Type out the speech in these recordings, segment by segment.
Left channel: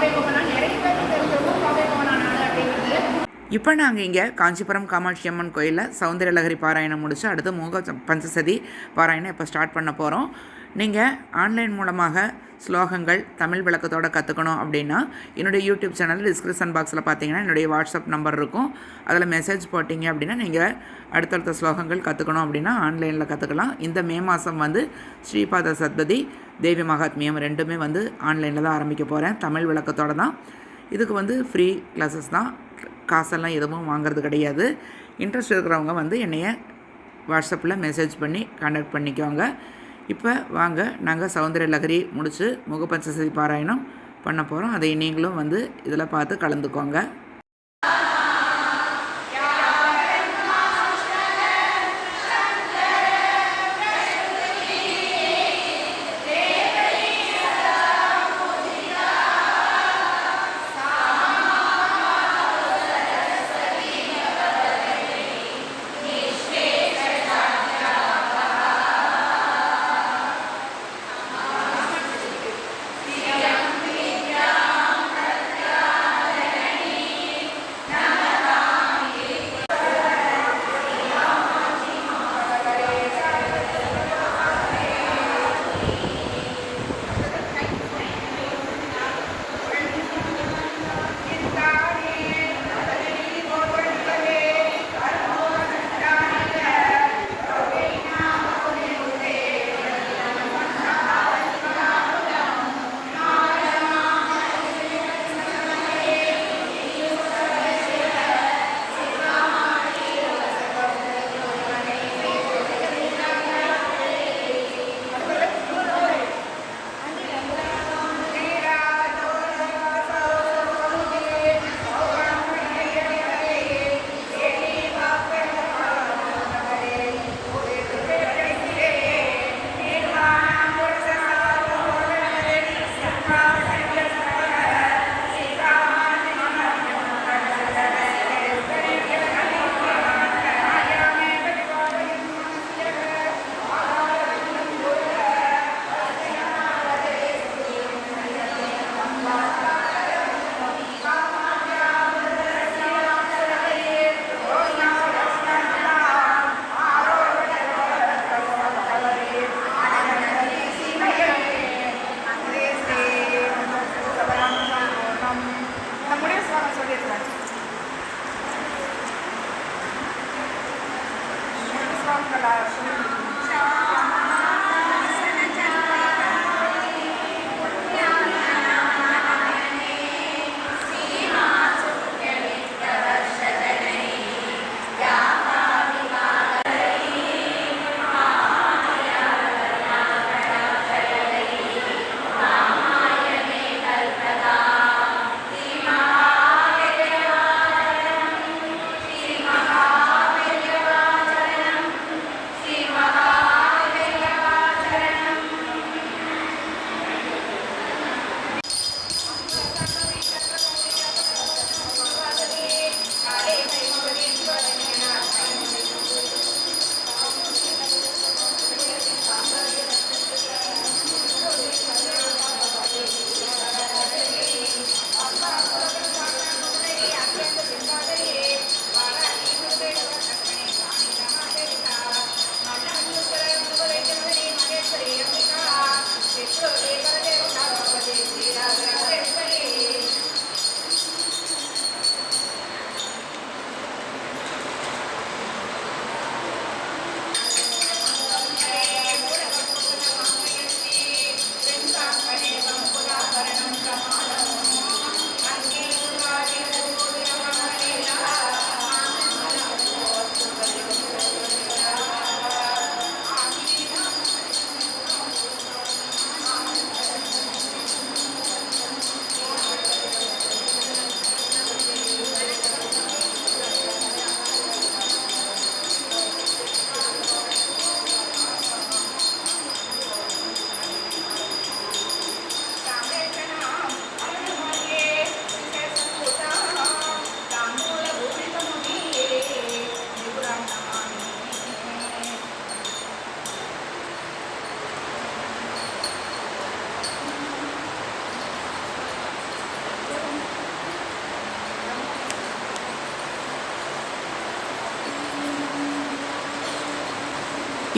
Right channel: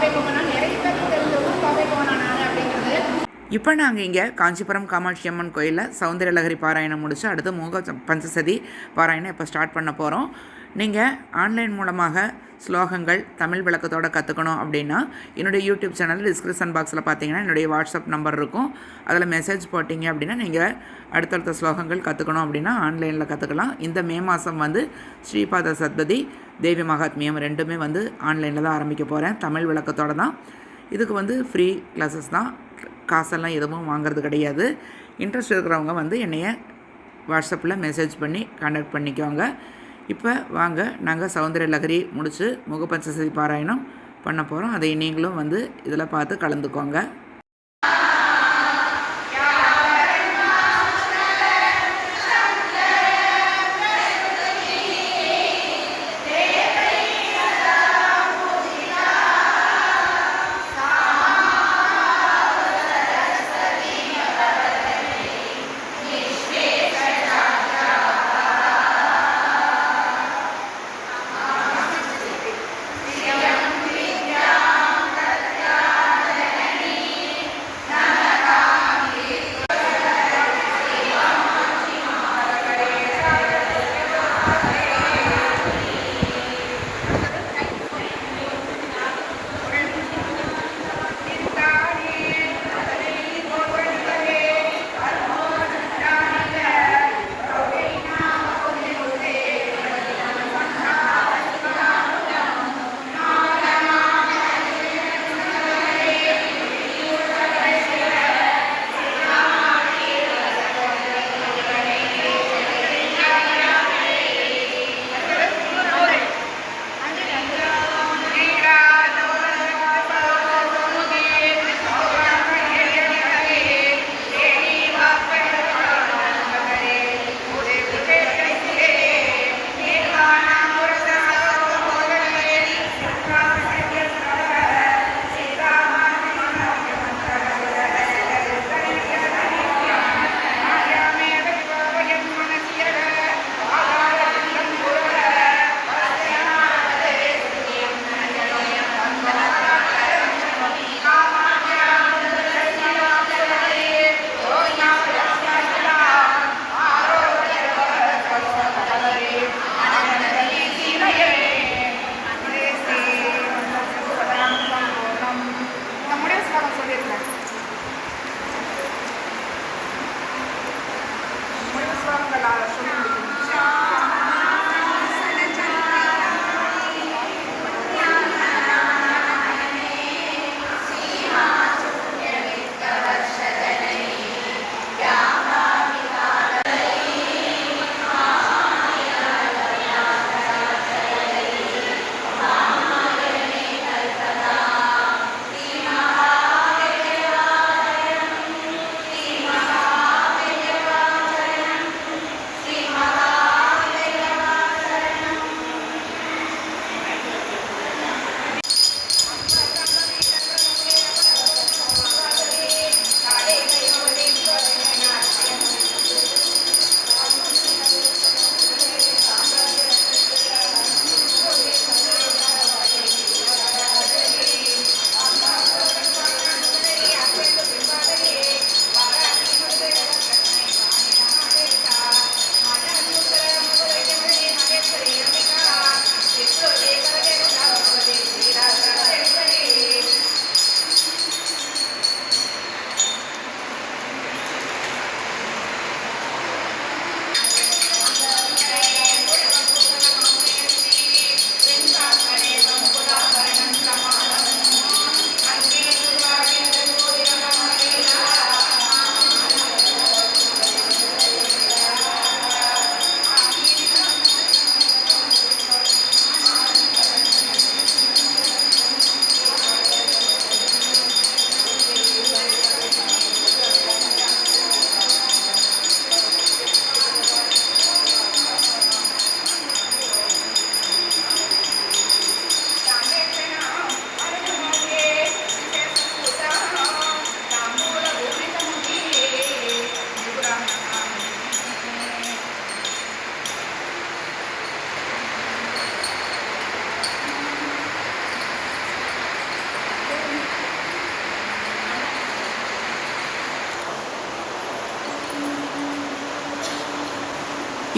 நிறைய பேருக்கு நான் அப்படிங்கிறது. இப்போ நாங்கள் இங்கே காஞ்சிபுரம் காமாட்சி அம்மன் கோயிலில் சௌந்தரலகரி பாராயணம் முடிச்சு அடுத்து மூக பஞ்சசதி பாராயணம் இப்போ ஸ்டார்ட் பண்ண போகிறோம் நீங்கள் ஆன்லைன் மூலமாக ஸ்லோகங்கள் தமிழ் விளக்கத்தோட கற்றுக்கணும் அப்படின்னா என்னுடைய யூடியூப் சேனல் டிஸ்கிரிப்ஷன் பாக்ஸில் பார்த்தீங்கன்னா என்னுடைய வாட்ஸ்அப் நம்பர் இருக்கும். அதில் மெசேஜ் போட்டிங்க அப்படின்னா நீங்கள் அடுத்தடுத்த ஸ்லோகங்கள் கற்றுக்கணும் அப்படின்னா ஆன்லைனில் கற்றுக்கலாம் இந்த மே மாதம் வந்து ஸ்ரீபாத சத்பதி தேவி மகாத்மியம் ரெண்டுமே வந்து ஆன்லைனில் தான் ஆரம்பிக்க போகிறேன் தமிழ் விளக்கத்தோட தான். இதுக்கு வந்து ஃப்ரீ கிளாஸஸ் தான். காசெல்லாம் எதுவும் வாங்குறது கிடையாது. இன்ட்ரெஸ்ட் இருக்கிறவங்க வந்து என்னைய வாட்ஸ்அப்பில் மெசேஜ் பண்ணி கான்டாக்ட் பண்ணிக்கோங்க. இப்போ வாங்க நாங்கள் சௌந்தர்ய லகரி முடித்து முகப்பஞ்சசதி பாராயணம் பண்ண போகிறோம் அதை நீங்களும் வந்து இதில் பார்த்து கலந்துக்கோங்க.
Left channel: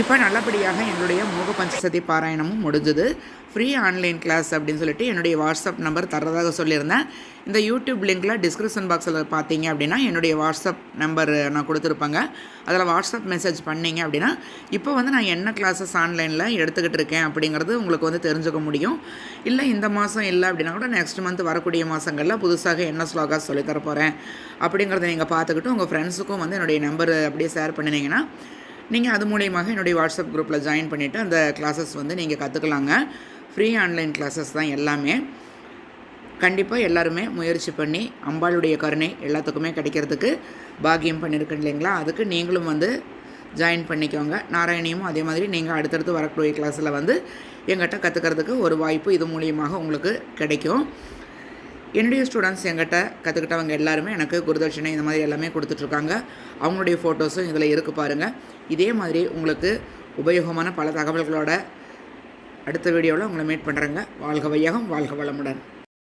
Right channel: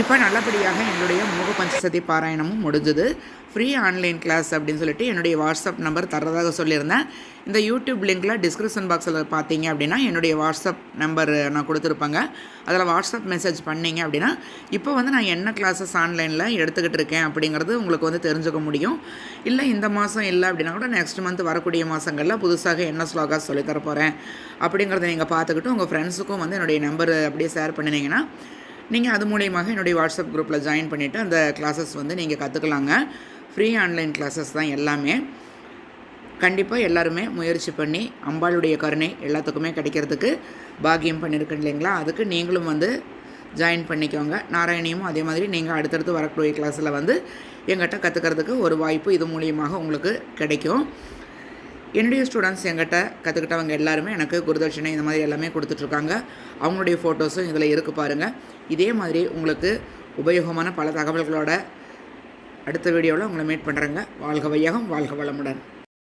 இப்போ நல்லபடியாக என்னுடைய மூக பஞ்சசதி பாராயணமும் முடிஞ்சது. ஃப்ரீ ஆன்லைன் கிளாஸ் அப்படின்னு சொல்லிட்டு என்னுடைய வாட்ஸ்அப் நம்பர் தரதாக சொல்லியிருந்தேன். இந்த யூடியூப் லிங்க்கில் டிஸ்கிரிப்ஷன் பாக்ஸில் பார்த்தீங்க அப்படின்னா என்னுடைய வாட்ஸ்அப் நம்பர் நான் கொடுத்துருப்பேங்க. அதில் வாட்ஸ்அப் மெசேஜ் பண்ணிங்க அப்படின்னா இப்போ வந்து நான் என்ன கிளாஸஸ் ஆன்லைனில் எடுத்துக்கிட்டு இருக்கேன் அப்படிங்கிறது உங்களுக்கு வந்து தெரிஞ்சுக்க முடியும். இல்லை இந்த மாதம் இல்லை அப்படின்னா கூட நெக்ஸ்ட் மந்த் வரக்கூடிய மாதங்களில் புதுசாக என்ன ஸ்லோகாஸ் சொல்லித்தர போகிறேன் அப்படிங்கிறத நீங்கள் பார்த்துக்கிட்டு உங்கள் ஃப்ரெண்ட்ஸுக்கும் வந்து என்னுடைய நம்பர் அப்படியே ஷேர் பண்ணினீங்கன்னா நீங்கள் அது மூலியமாக என்னுடைய வாட்ஸ்அப் குரூப்பில் ஜாயின் பண்ணிவிட்டு அந்த கிளாஸஸ் வந்து நீங்கள் கற்றுக்கலாங்க ஃப்ரீ ஆன்லைன் கிளாஸஸ் தான் எல்லாமே. கண்டிப்பாக எல்லாருமே முயற்சி பண்ணி அம்பாளுடைய கருணை எல்லாத்துக்குமே கிடைக்கிறதுக்கு பாக்கியம் பண்ணியிருக்கேன் இல்லைங்களா? அதுக்கு நீங்களும் வந்து ஜாயின் பண்ணிக்கோங்க. நாராயணியும் அதே மாதிரி நீங்கள் அடுத்தடுத்து வரக்கூடிய கிளாஸில் வந்து எங்கிட்ட கற்றுக்கிறதுக்கு ஒரு வாய்ப்பு இது மூலியமாக உங்களுக்கு கிடைக்கும். என்னுடைய ஸ்டூடெண்ட்ஸ் என்கிட்ட கற்றுக்கிட்டவங்க எல்லாருமே எனக்கு குருதட்சணை இந்த மாதிரி எல்லாமே கொடுத்துட்ருக்காங்க. அவங்களுடைய ஃபோட்டோஸும் இதில் இருக்குது பாருங்கள் இதே மாதிரி உங்களுக்கு உபயோகமான பல தகவல்களோட அடுத்த வீடியோவில் உங்களை மீட் பண்ணுறேங்க வாழ்க வையகம் வாழ்க வளமுடன்.